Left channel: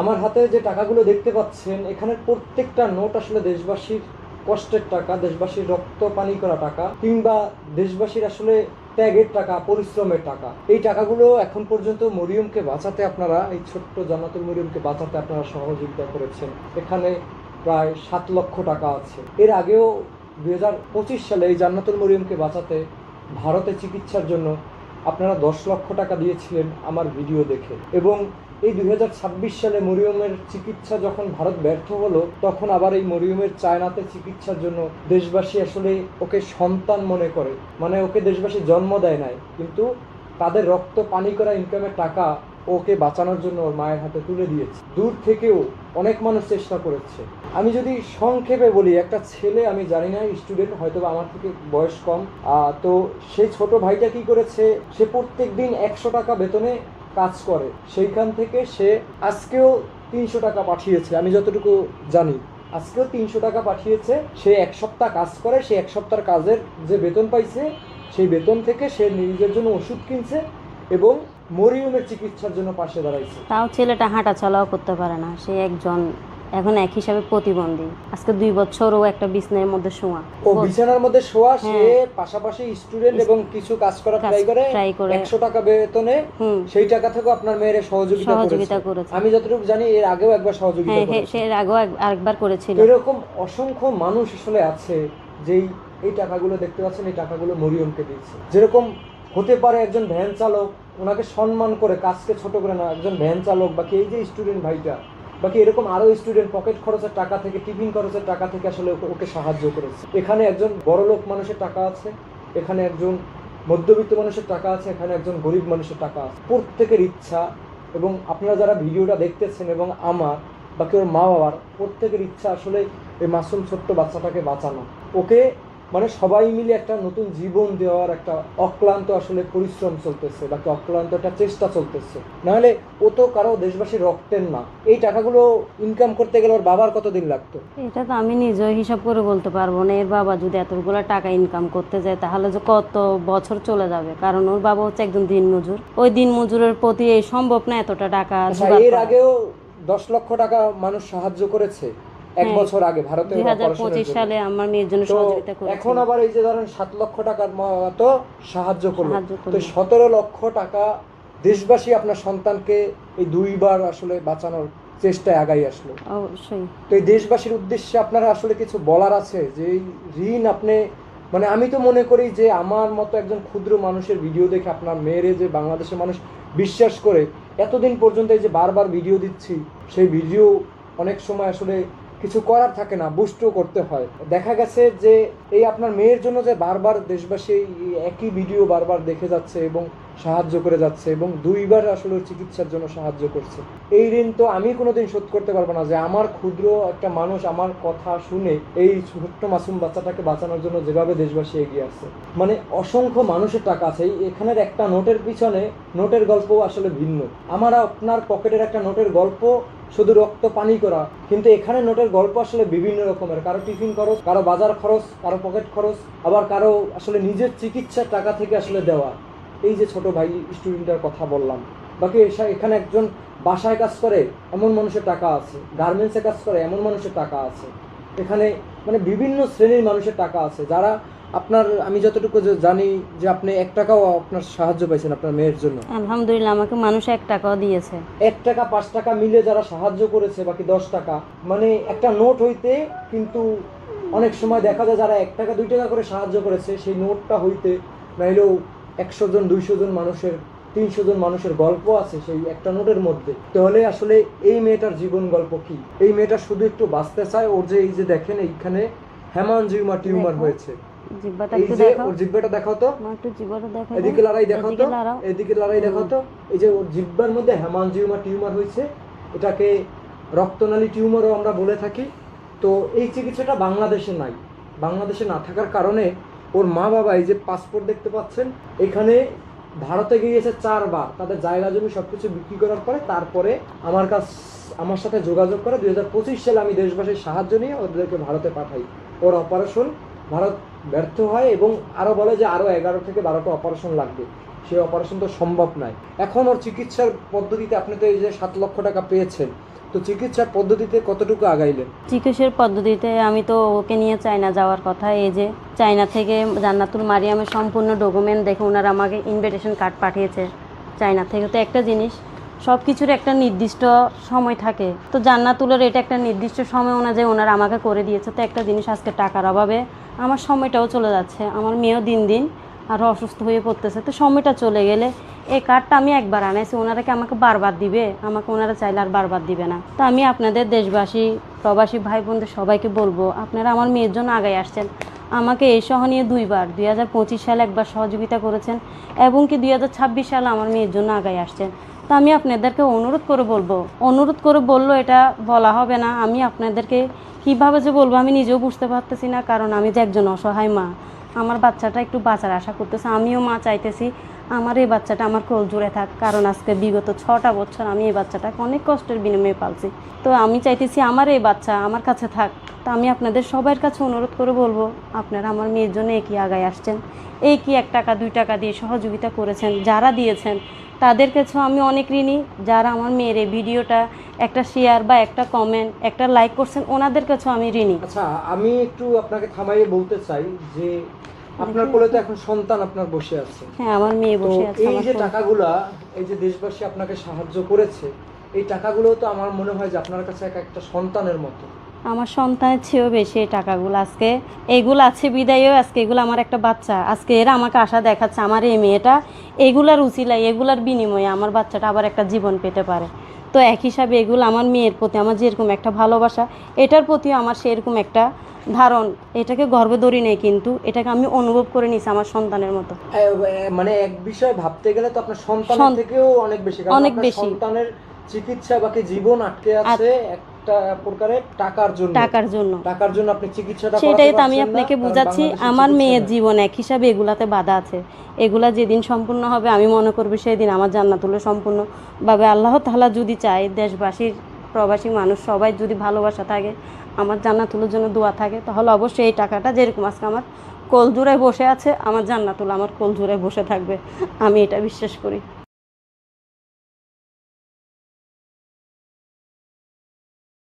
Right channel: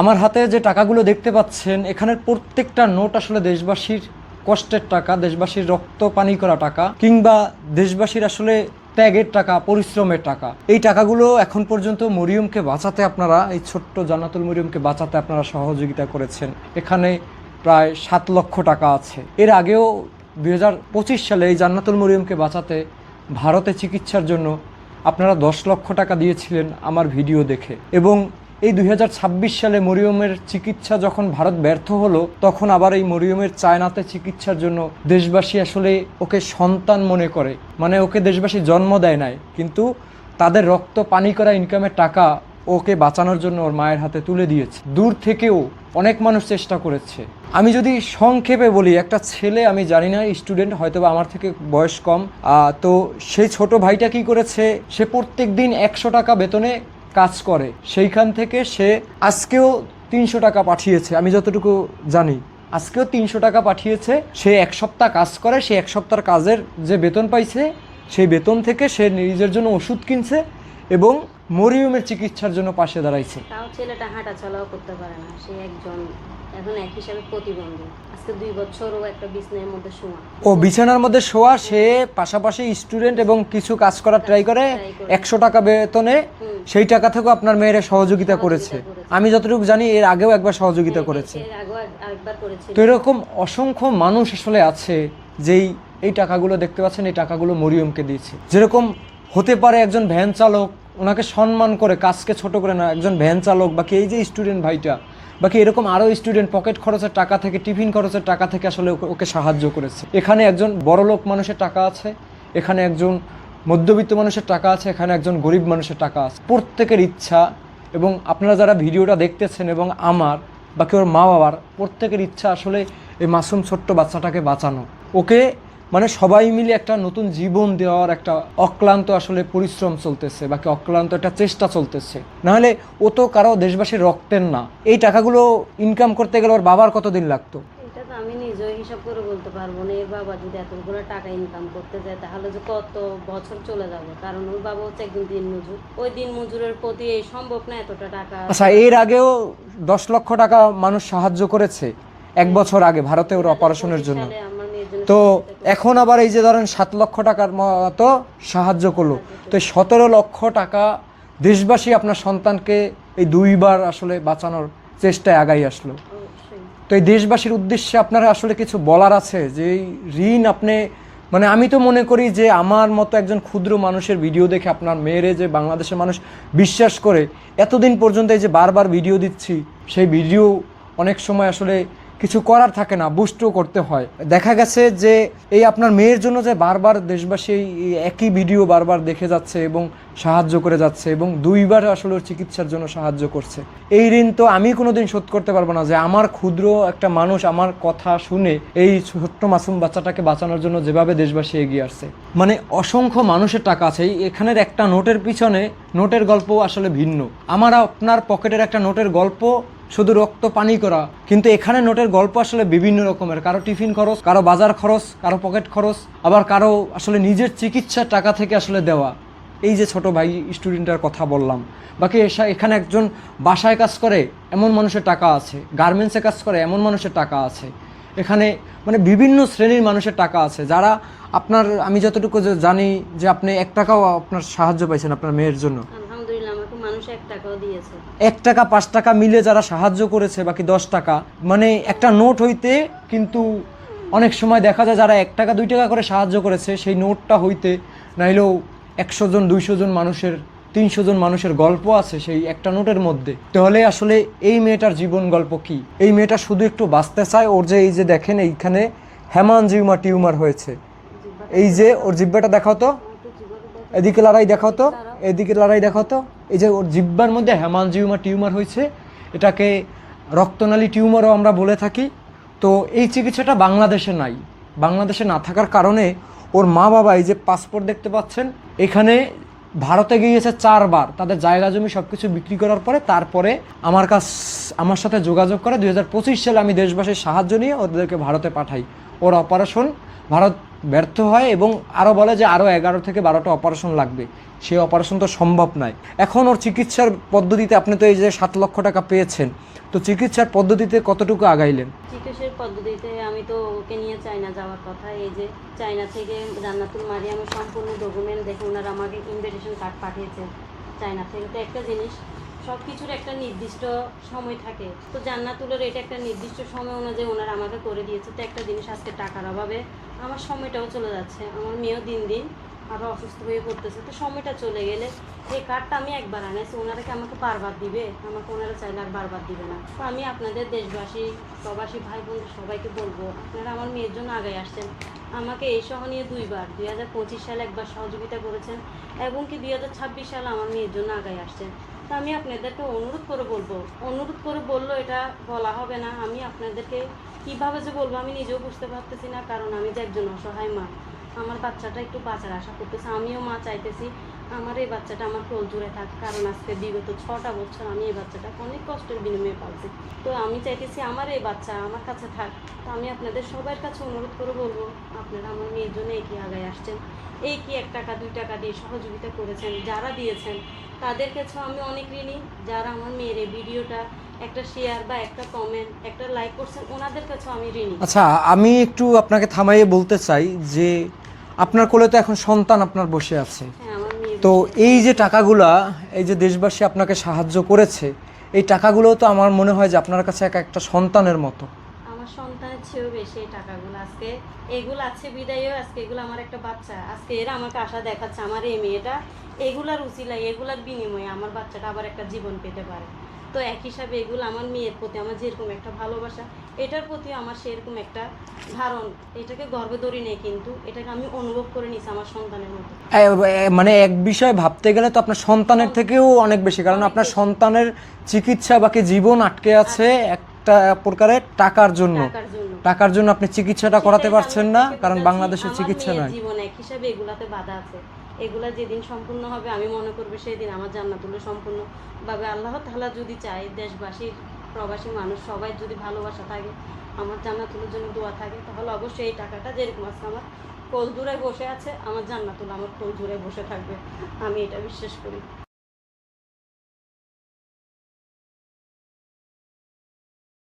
আমার হাতে যে টাকাগুলো দেখতে পাচ্ছেন, এখানের প্রত্যেকটা নোট আসলে দেশবাসীর কষ্টের টাকা, দেশবাসীর রক্ত পানি করা টাকা, কিংবা দেশবাসীর আসলে ত্যাগের টাকা, পরিশ্রমের টাকা। এই টাকাগুলো এখন পর্যন্ত মরিয়মকে বাঁচাতে আপনারা, এই ছোট্ট জান্নাতুল মরিয়মকে বাঁচাতে আপনারা সহযোগিতা করেছেন। এখানে প্রায় 7 লক্ষ টাকা আছে। এর আগেও 2025 সালে এই জান্নাতুল মরিয়মকে বাঁচাতে ভারতে চিকিৎসার জন্য আপনারা 10 লক্ষ টাকা দিয়েছিলেন আমার ভিডিও দেখে। এবং এই 2026 সালে মরিয়মের চিকিৎসা যখন ভারত ব্যর্থ হলো, তখন আবার এই মরিয়মের চায়নাতে চিকিৎসার জন্য দেশবাসী আসলে ওকে সন্তান মনে করে, মানে ওকে দেশবাসী জন্ম দেয় নাই, কিন্তু তাদের রক্ত পানি করা ইনকামের টাকা ওকে বাঁচানোর জন্য ওর মায়ের হাতে তুলে দিয়েছে। দূর থেকেও অনেক মানুষ চেষ্টা করেছে। আমি যদি সংক্ষেপে বলি, একটা ছেলে, আমি জানি না, স্টুডেন্ট, হয়তো বা আমার থেকে বয়স কম, তো সেই ছোট ভাইটা কি করেছে, সে প্রত্যেক দিন 100 টাকা বেতনে কাজ করে। সেইখান থেকে সে আজকেও 300 টাকা পাঠিয়েছে, আমি যতটুকু জানি আজকেও 300 টাকা পাঠিয়েছে। সে 1 সপ্তাহ কাজ করে, সে 1 সপ্তাহের কাজের যে বেতন পাইছে, সেই বেতন থেকে সে নিজের জন্য ওষুধ কিনছে এবং মরিয়মের চিকিৎসার জন্য পাশে দাঁড়াইছে। তাও ছেলেটা হাঁটা চলাও করতে পারে না, সে একজন এখন এক হিসাবে প্রতিবন্ধী। আজকে 2 বছর ও একটা বিছানার মধ্যে শোয়া, ও বিছানার মধ্যে শোয়া, সে পাশাপাশি স্টুডেন্ট এবং কিছু কাজ করার ট্রাই করে 100 টাকা বেতনে। সেই টাকা থেকে আপনার মেয়ের সহযোগিতা করেছে। আমি যতটুকু জানি এর আগেও একবার সহযোগিতা করেছে, এর আগেও আরেকবার করেছিল। তো এরকম অসংখ্য মানুষ আসলে আছে যেই এই টাকাগুলো দেখতে পাচ্ছেন, এই টাকাগুলো মরিয়মকে দিয়েছে। যেরকম হতে পারে একজন ভ্যান চালক, ওনাকে সম্মান করে, কাজকে ছোট করে না, একজন ভ্যান চালক, বাকি এই যে স্টুডেন্ট ভাইটা, বাকি এরকম আরও স্টুডেন্ট পকেট খরচের টাকা থেকে, টিফিন খরচের টাকা থেকে আসলে ওকে সাহায্য করেছে। এখানে একজন বড়লোক মানুষের টাকা আছে, এখানে একজন মধ্যবিত্ত মানুষের টাকা আছে, এখানে একজন গরিব মানুষের টাকা আছে। প্রত্যেকের ইচ্ছা, এবং আপনারা যারা ভিডিওটা দেখতেছেন এবং আমার বাকি ওর মা বাবার প্রত্যেকের ইচ্ছা আসলে এই মাসুম ছোট্ট বাচ্চাটাকে বাঁচানো, ওকে মানে সবাই মিলে একটা নতুন জীবন দেওয়ার একটা অক্লান্ত আসলে পরিশ্রম চলতেছে, বাকি অক্লান্ত একটা চেষ্টা চলতেছে। নাহলে ও তো কারো দেশবাসীর রক্তের না। এই টাকাগুলো ইনকাম করতে গেলে ওর বাবার কতদিন লাগতো, এটা তো আমি নিজে হিসাব করে বলতে পারবো না। এর বাবা যদি এতগুলো টাকা ইনকাম করতে যায় তাহলে যে কত বছর চলে যাবে, কারণ ওর বাবা হচ্ছে একজন দিনমজুর। ওই দিনমজুরের প্রতি সম্ভব না এতটা টাকা। আচ্ছা, এর আগেও 10 লক্ষ টাকা মানুষ সাহায্য করেছে 1 বছর আগে ভারতে ওর অপারেশনের জন্য। তো এখন আবার এই যে ধরেন 7 লক্ষ টাকার মতো সাহায্য করলো, তো 17 লক্ষ টাকা দেশবাসী আপনার সন্তানকে এই 2বার আসলে বাঁচানোর চেষ্টায় আগাই আসলো। অবশ্যই। তো এই দেশবাসীর উদ্দেশ্যে আপনার আসলে কিছু বলার আছে যে এই ঋণ আপনি, মানে আমি তো মনে করি যে আমার মতো একজন ক্ষুদ্র মানুষের ভিডিও দেখে আপনার মেয়েরে যে বাংলাদেশের মানুষ বিশ্বাস করে এতদিন পর্যন্ত এই যে বারবার ভিডিও দিচ্ছি, সেই ভিডিও অনেক সময় আসলে কিছু করার থাকে না, বুস্টও করতে হয়। দেখা গেছে যে এই আপনার মেয়ের জন্য যে বারবার দেশবাসী একই ভিডিও বারবার দেখে যাচ্ছে এবং সাহায্য করে যাচ্ছে, এবং 2বার আসলে ওর চিকিৎসার জন্য সাহায্য করছে। এই ঋণ তো আমি কোনোদিন শোধ করতে পারবো না, যে আমার ক্ষুদ্র একটা মানুষ আমার কথা শুনে এই ছোট্ট মাসুম বাচ্চাটাকে বাঁচানোর জন্য যেভাবে দেশবাসী এগিয়ে আসছে। মানে অসংখ্য মানুষের টাকা আছে। এখানের একটা নোটের পিছনে নোটের গল্প আসলে ভিন্ন। আমার আপনার পকেটের একটা নোটের গল্প শুধু রক্ত পানি করা, কিন্তু এখানে নোটের গল্প আসলে বিভিন্ন রকমের। কারো টিফিন খরচ, কারো বাজার খরচ, কারো পকেট খরচ, আবার কারো আসলে নিজের চিকিৎসার টাকা থেকে আসলে দেওয়া। এই যে ছোট ভাই স্টুডেন্টের কথা বললাম, বাকি এখানে একজন বাসায় কাজ করে এমন মানুষের টাকা আছে, গার্মেন্টসে কাজ করে এমন মানুষের টাকা আছে। এখানে মানে বিভিন্ন শ্রেণীর মানুষের টাকা আছে, যারা আপনার, আমি যতটুকু জানি যে আপনি 1 টাকাও আপনার সাহায্য পাইছেন আপনার মেয়ের জন্য। আলহামদুলিল্লাহ, আমাকে মানুষ 1 টাকাও দিয়েছে। 1 টাকা 5 টাকা মিলে যারা সাহায্য করেছে, বাকি 10 টাকা, মানে একটা নোট হইতে কিন্তু অনেক সময় দেখা যায় যারা 1 টাকা 2 টাকা করে সাহায্য করেছে, সেই নোটটা হইতে নাইলেও 100 জন 200 জন মানুষের, 300 জন মানুষের গল্প আছে সেই একটা নোটের মধ্যে। তাহলে আসলে এই মেয়েটার জীবন গল্প কি? এই মেয়েটা শুধু একটু বাঁচতে চায়। ওর যে এই যে দেখেন এইখানে হেমানজিওমা টিউমার হয়েছে, এই যে ওর জিব্বাটা দেখাও তো, এদিকে লড়াই দেখাও তো, এদিকে লড়াই দেখাও তো। এই যে ওর জিব্বার মধ্যে হেমানজিওমা টিউমার হয়েছে, এটাকে রক্তনালী টিউমারও আমরা বলে থাকি। তো এই চিকিৎসাটা বাংলাদেশে নাই। বাংলাদেশে না থাকার কারণে ওর মা বাবা, এই যে পাসপোর্ট দেখতে পাচ্ছেন, এখানে ভারতে গিয়েছে 4 বার। তাদের জায়গা জমি সব কিছু বিক্রি করার পরে তারপরে আমার সাথে যোগাযোগ করে 2025 সালে আমি দেশবাসীর সাহায্য নিয়ে ওদেরকে ভারতে পাঠাই। ওর অপারেশন ভারত ব্যর্থ হয় এবং আরও বলে যে আরও 11 থেকে 12টা অপারেশন লাগবে। সেই অপারেশন তো সম্ভব নয়। এখন ওর চিকিৎসার পদ্ধতিতে আপনি তো এই যে 7 লক্ষ টাকা পেয়েছেন, তো চিকিৎসার পদ্ধতিতে কতটুকু আগাইলেন? চিকিৎসার পদ্ধতিতে আমি তো ওকে নিয়ে চায়না যাওয়ার কথা। এই যে চায়না থেকে জান্নাতুল মারিয়ামের সম্পূর্ণ ডকুমেন্ট দেখে ওনারা আমাকে ইনভিটেশন কার্ড পাঠিয়েছে চায়না থেকে। তো একটা জিনিস, সব কিছুর একটা নির্দিষ্ট সময় থাকে, তো জান্নাতুলের এটা একটা নির্দিষ্ট সময় অনুযায়ী ওনারা আমাকে করে দিয়েছে। তো একটা জিনিস, আজকে টাকার অভাবে আমার সময়টাও চলে যাচ্ছে, আমার মেয়েও দিন দিন আরও অসুস্থ হয়ে পড়তেছে। তো সময়টা চলে গেলে এই কার্ডটা আমি একবার আনাইছি, ওনারা কি আমাকে বারবার দিবে? আমাকে ওনারা চাইলে আর বারবার দিবে না। তো আমি আপনাদের দেশবাসী, প্রবাসী ভাই বোনদের সবাইকে বলবো, আপনারা আমার মেয়ের জন্য আগায় আসছেন। আমাকে এই সহ নিয়ে 2বার 2025 সালে একবার সহযোগিতা করেছেন, এবং কি 2026 সালে আমার মেয়ের জন্য আগায় আসছেন। তো আমি আপনাদেরকে অনুরোধ করে বললো এটা বলা হবে না। আমি আপনাদেরকে কীভাবে যে বলবো আমি নিজেও বুঝতে পারতেছি না, কারণ আমি যে একজন অসহায় মা, আমার বাচ্চাটা একটু বাঁচার আশা করতেছে। আমিও মা চাইতেছি আমার এই বাচ্চাটা আমার কোল জুড়ে থাক, কারণ আজকে বিগত 6টা বছর আমি এই বাচ্চাটাকে অনেক কষ্টের বিনিময়ে পালছি। তো আমি চাইতেছি আমার এই বাচ্চা আমার কাছে থাক। তো আমি আপনাদের সবার কাছে অনুরোধ করে বলবো, আপনারা আমার মেয়ের জন্য একই আগায় আসছেন, এই কি 1 টাকা 2 টাকা দিয়ে সহযোগিতা করেছেন, যারা দিয়েছেন তাদের কাছেও আমি অনেক ঋণী। যারা আমার মেয়ের এই ভিডিওটা একটা শেয়ার বা একটা কমেন্ট, একটা লাইক করছেন, ওনাদের কাছেও আমি ঋণী। আচ্ছা, আমি একটু আপনাকে থামাইয়ে বলতে চাই যে আপনার কোলে তো এখন সন্তান আপনার বসে আছে। হ্যাঁ, আমার মেয়ে তো বসে আছে। এই যে টাকাগুলা, এই যে দেশবাসী আপনাকে সাহায্য করেছে, এই টাকাগুলো তো আমার মনে হয় যে আপনার কাছে একটা সন্তানের মতো। আমার সন্তানের চেয়েও বেশি এই টাকাগুলো। আজকে এইগুলো আছে বিদায়ও, আজকে এগুলো আমার একটা বাচ্চা, আজকে এরা আমাকে আশা দেখাচ্ছে আমার এই মেয়েটা এগুলার উচিলায়, এগুলার বিনিময়ে আমার বাচ্চাটা আবার একটা জীবন পেতে পারে। তো এক হিসাবে এগুলো আমার মেয়ের প্রতি আমার যেরকম একটা ভালোবাসা, এটার প্রতিও আমার সেরকম একটা ধারণ। এটাকে গর্বে ধরি নেই, কিন্তু এটাকে আমি অনুভব করে নিছি আমার সন্তানের মতো। মানে এক বিষয় ভাবতে গেলে তো আপনার সন্তানের থেকেও অনেক বেশি, কারণ অনেক আপনার বেশি। সন্তানের চিকিৎসা বাকি জীবন আটকে আছে একটা প্রকারের টাকার জন্য। টাকার জন্য আপনি চিকিৎসাটা করাতে সেটাই তো আমি পারছেন না, আপনাকে কারণ বোঝাচ্ছি। বাংলাদেশে আমার চিকিৎসা মেয়ের নাই। জীবন এক হিসাবে এগুলাতে বাধা আছে। এগুলা যেদিন সম্পূর্ণ হবে আমি মনে করবো সেই দিন আমার জান্নাতুল সম্পূর্ণভাবে, আল্লাহ তাআলা যদি চায়, দেশবাসীর প্রবাসী মানুষ সবাই যদি ভালোবাসা থাকে, আমার জান্নাতুলের জন্য দোয়া থাকে, তাহলে অবশ্যই এই টাকাটা যেরকম আজকে আমার কোল জুড়ে বসে আছে, আমার জান্নাতুল আমার কোল জুড়ে বসে থাকবে, আমি এটা বিশ্বাস করি।